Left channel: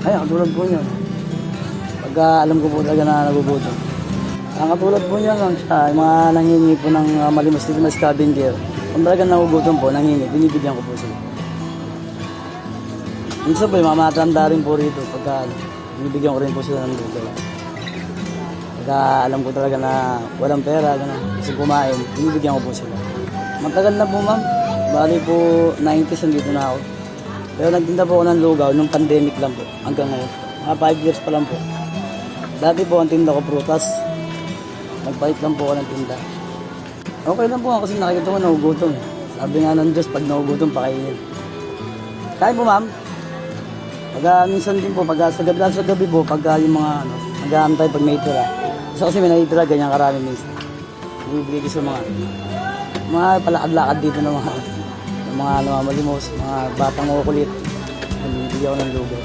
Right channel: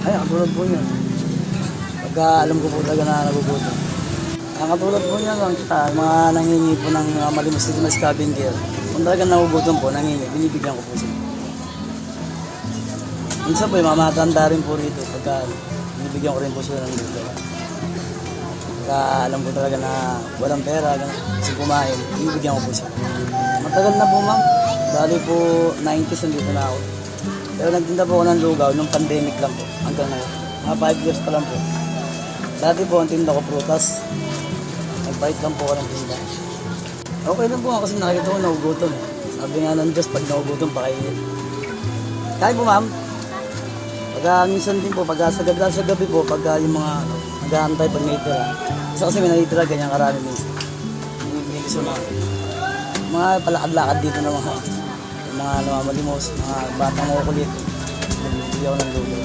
Ay, ang katulad po niya. Pagka alam ko po talaga na nagugutom. Ang katulad po niya nun, sa mga nangingi po ng malimos-limos scavenger. Kung talaga nagugutom po, nangingi, binibigyan ko po siya. Minsan po, mamatanda rin po rito. Pagka binibigyan ko rin po sila ng luto. Pagka alam ko talaga na walang pera, kasi kumain, binibigyan ko po sila. Matagal na po ma'am. Dali po 90s nandito na ako. Pero nagtinda po ako ng lugaw nung pandemic lang po. Hanggang ngayon. Mga 5 years pa lang po. Dati po ang tinda ko prutas. Nagpahit lang po ako ng tinda. Okay lang po ako kasi nakikita ko nagugutom. Sabi nga ng Diyos, pag nagugutom, pakainin. Kaya po ma'am. Pagka minsan din po, pagka sa gabi po, pagka yung mga nag-aantay pag may itira. Kasi may nakitira, ganyan karami minsan. Bibigay ko sa mga palakad-lakad dito ng mga namamalimos, mga batang makukulit. Nagbibigay ako ng lugaw.